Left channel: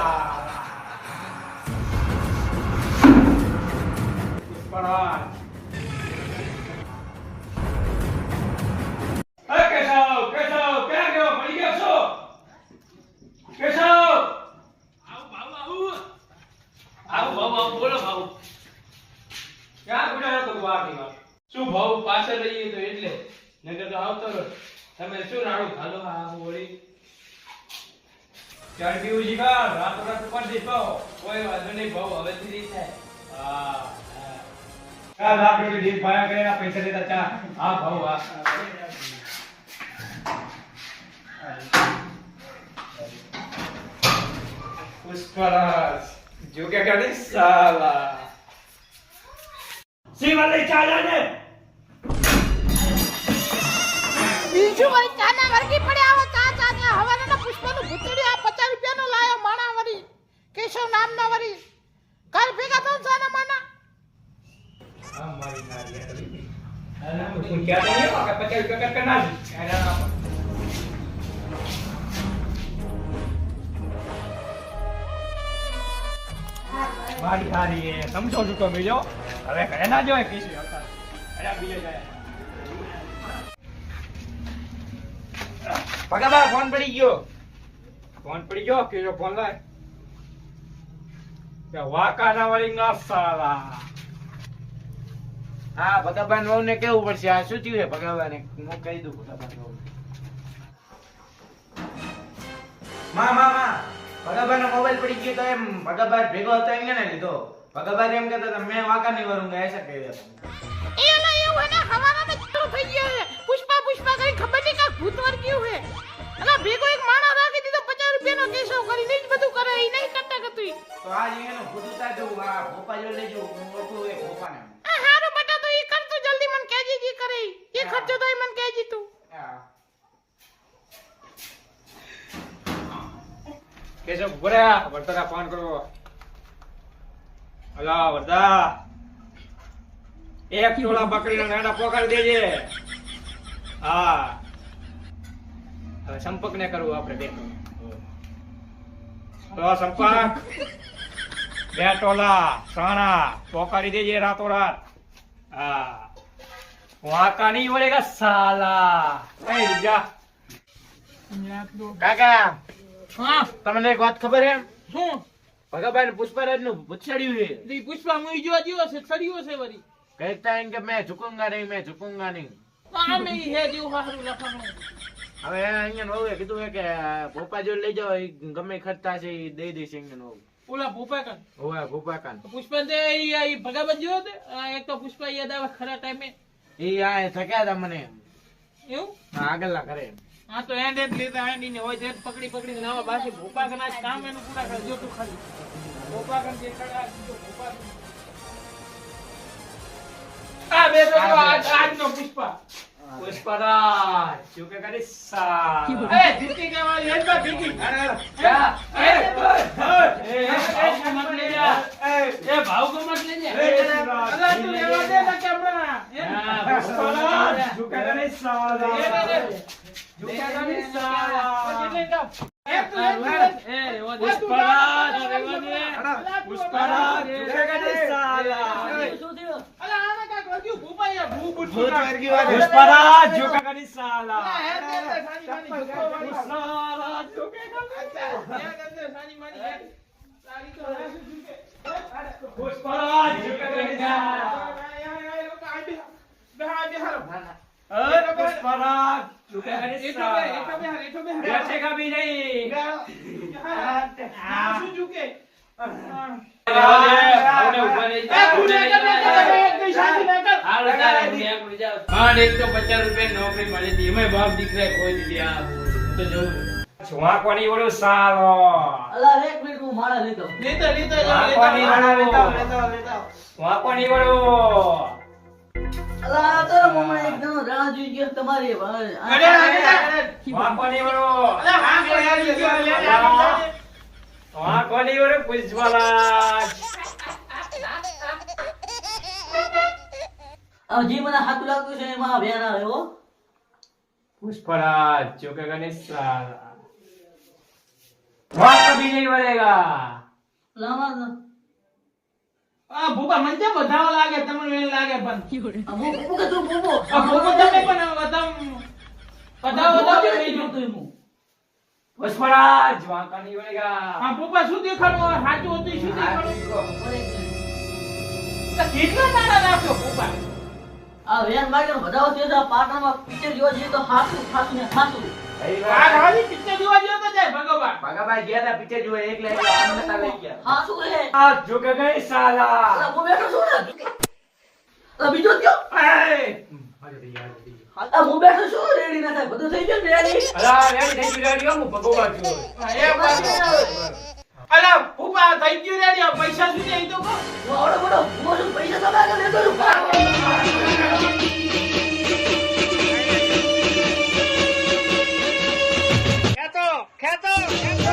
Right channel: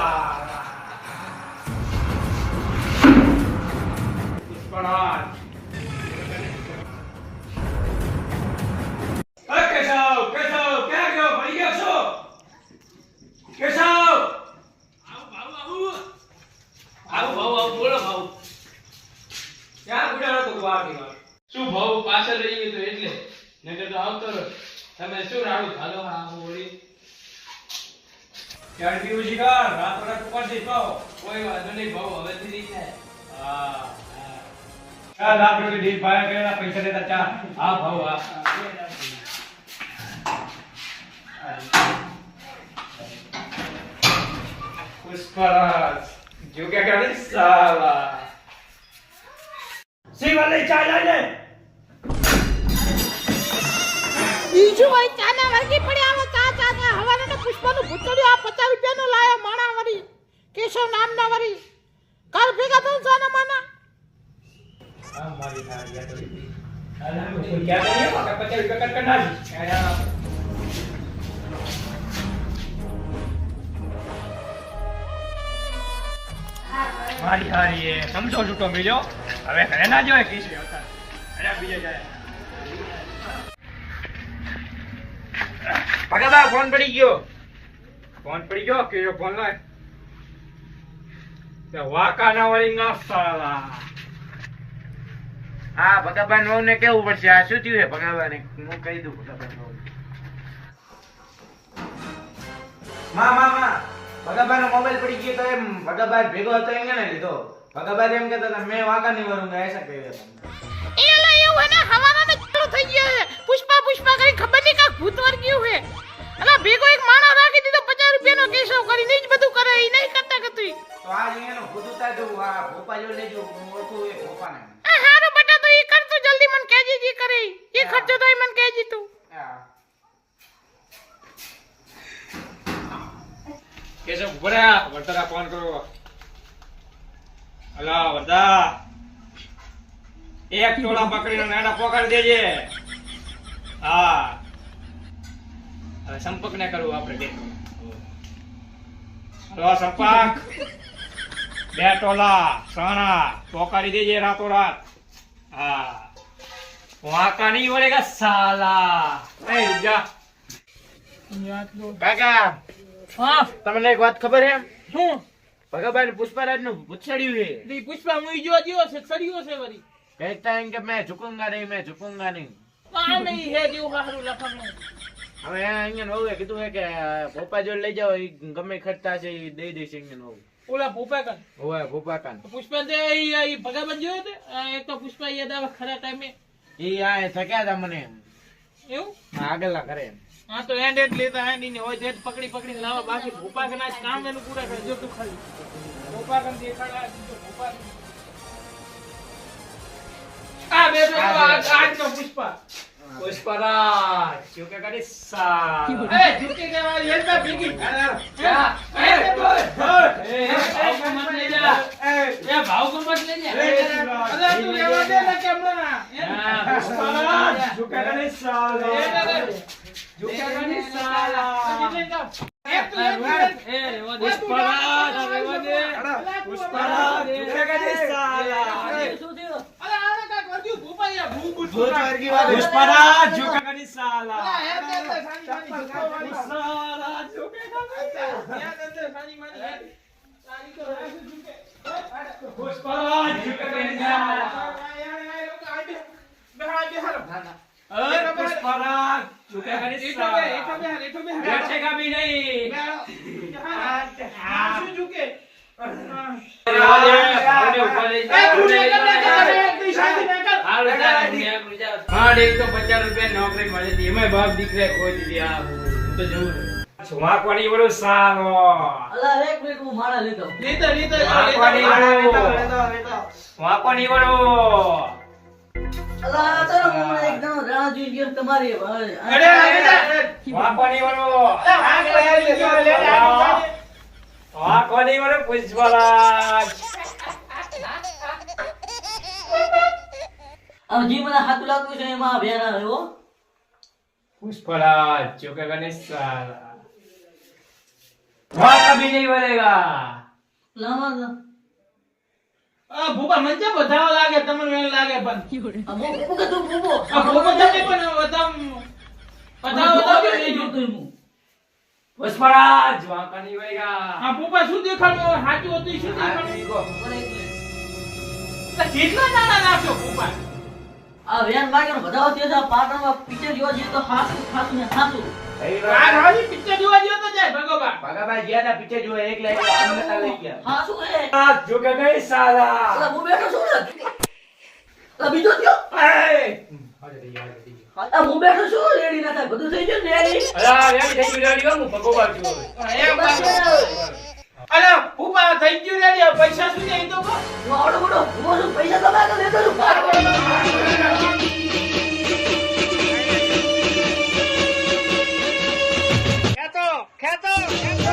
સાલા પુષ્પરાજ કેશવ ક્યાં ગયો ભાઈ ગયો છો કેશવ આવું બોલો ભાવ ક્યાં ગુજારો તો આપની વાત શું ભાવ પાછળ રહીએ તો એટલે નકર તો આવતો રહો. તમે શું રાડું હાલો આ હોળી ક્યાં પીવું જી કા રાતો રાત ઉપર દેખો કોઈ વાંધો નહીં ભાવ હવેથી નહીં થાય. હા ચાલ આપણે ડીલ પાયા કરેલા પૈસા દેતા ચા હા ભાવ હા પુષ્પરાજ જો કે કરે સાલા શિવાલય ચા લાગે બીજું વળી ચાના વળગી પડ્યા હો ચા ને હવાના પુષ્પનું ભૂતળિયું આ 50 રૂપિયાનો લાયો માણા વળી કેશવ નામના વળી કાલ ભેગા થઉં ચાના માના હા મારી નારી બેઠી અરે કોઈ ક્યાં નહીં કે 50 રૂપિયા કટ કરના એડા મારી હારી એ સમજો છૂટો મિલ્યો હવે ઘરે ના જોય કીસી આવતા અરે બીજે જાય ભગાબા ફોન પડી ગયો કે જો ફોન લાય તે વાકા ના વળી ના સાલા હા ભગાભાઈ વહુ ને કેવું પડશે આ શું થયું છે ભગાભાઈ ને હું કહી દઉં ભગાભાઈ વહુ માં ભગાભાઈ નો મોબાઈલ પડી ગયો તો એમ ભગાભાઈ ભેગો હતો એમ ને લીધો ભગાભાઈ એમ કહેતા હતા મેં વાકા નહીં વરુંગા ऐसा કહ્યું હતું એ લા એવું ને હવાના ને ચાલુ થઈ ગયો છે પુષ્પા કરી ખબર નહીં કા ભૂત વર્ગ્યું છે અલા ભેગો એક માણા રાખી દીધો 50 રૂપિયાનો કેશવ કરીને જ બધું કરે એ નહીં કરતા કતું તો આ અહીંયાનો ભૂતુતા જો આ ભોપા જો લેજો હું ઓળખું એ ભોપાને આ હારો બટા તો ઈ કર તું જલ્દી મન કહેજી જી કરે એ ખર્ચો તો મન કહેજી તું હા કેશવ ભર્યા વર્તારા ફોન કરો અલા વર્તા એક ટોળા બકરીના નાડા પોકાડી દેજે હા હવે સંપર્ક ને કરવું આપણે દેખો હલો સંપર્ક બે ટોલા સાણા પોકાડી દેજે રાતોરાત હા વાકા નહીં વળેગા સાલા એ જા કાકા હા તમને એક વાત ખબર છે શું ભગાભાઈ ને પુષ્પરાજ નું ભૂત ચડ્યું છે દી પુષ્પા મુઈ જો જીવો છે સડિયો છે વરી કહેતા એમ કે મેં ઝુકુંગા નહીં આ નહીં હે જીવ હારું લખવાનું હવે એના અહીંયા વહુએ કીધું છે કે ભોપા જોડે લઈ જાઓ ઈ ગમે ખર્ચા છે એ દઈ દઈશ અહીંયા વહુ ઓલા ભૂપા કન હોવે ભોપા કાન પુષ્પા દે ઈ ભગાબન જો દે એક તો પુષ્પા યાદ આવે ખરા ટાઈમે ઈ આ થક્યા હતા મને એવું આગળના કરે હા તો એન્ડ લેતા એન્ડ ને હોય જેટ પકડી લાવા બાકી ભૂપા કન આજ કામ એનું પૂરા કરજો તું ખાલી ભૂપા કન દેખાડા ભૂપા આ બે આજ નો પુષ્પા પુષ્પરાજ જો કે કરે સાલા એ જીતી કે વાળી હેડ બા ભીગી ભાવ કો મત લે જા અલા તું લેવા દે ને કેમરા પુષ્પરાજ જો કે કરે સાલા જો કે કરે સાલા પુષ્પરાજ પુષ્પરાજ જો કે કરે સાલા પુષ્પરાજ જો કે કરે સાલા પુષ્પરાજ જો કે પુષ્પરાજ જો કે કરે સાલા पुष्पराज झुके बैठेगा भी नहीं एक तो 50 रुपया नौकरी मળી હતી એમાં બાપ દીકરા ખોઈ દીધી તો જો છુઆકોની વડો સાલો અલા એક મિનિટ હું મારા લીધો છુઆકોની વડો છુઆકોની વડો અલા તારો મમ્મી એકદમ રાહ જોઈ ગયો તમારી છુઆકોની વડો છુઆકોની વડો પુષ્પરાજ જી મને હાથ લાગતું છે એમાં અભિયાન આવે હો પુષ્પરાજ જો કે ગણેશ સાલા वहाँ कभी नहीं मरेगा। લાવા ભૂપા મને કેમ બતાવવા લાગે, તમને એમ લાગે પણ અમો કે તું બોબો ભૂપા તમે પણ બતાવો નહીં જોતું હું પુષ્પરાજ वहाँ का नहीं मरेगा। હા પપ્પા શું દેખાડું હવે સાચું હતું ઈ શું દેખાડું કેટલા દાડા નાખ્યો પપ્પા આ વેન લાગે ને બધા વચ્ચે આ પાટણમાં પિક્ચર જોવા જઈએ તો હાસું ખાસું ને ખાસું આ ખાલી પિક્ચર જોવા ગયો તો જાય ભગવાન ભગાભાઈ ગયા હતા પિક્ચર જોવા એકલા અમને લઈ ગયા. હાસું હે आज जो का गए साला। અલા હું બેઠો છું ને અલા બીજો કયો આ હું બેઠો છું રેડી ના થાય બધું થઈ ગયું ને રેડી અલા યાર થઈ ગઈ ગાડીઓ હું ભગવાન છું। એક બાજુ અલા પપ્પા થઈ ગયું રેડી હવે પૈસા શું જાય ઈ તો કહો હું આવડો મોટો હું શું પૈસા દબાય તો લેતો છું ખેતો ખેતો ખેતો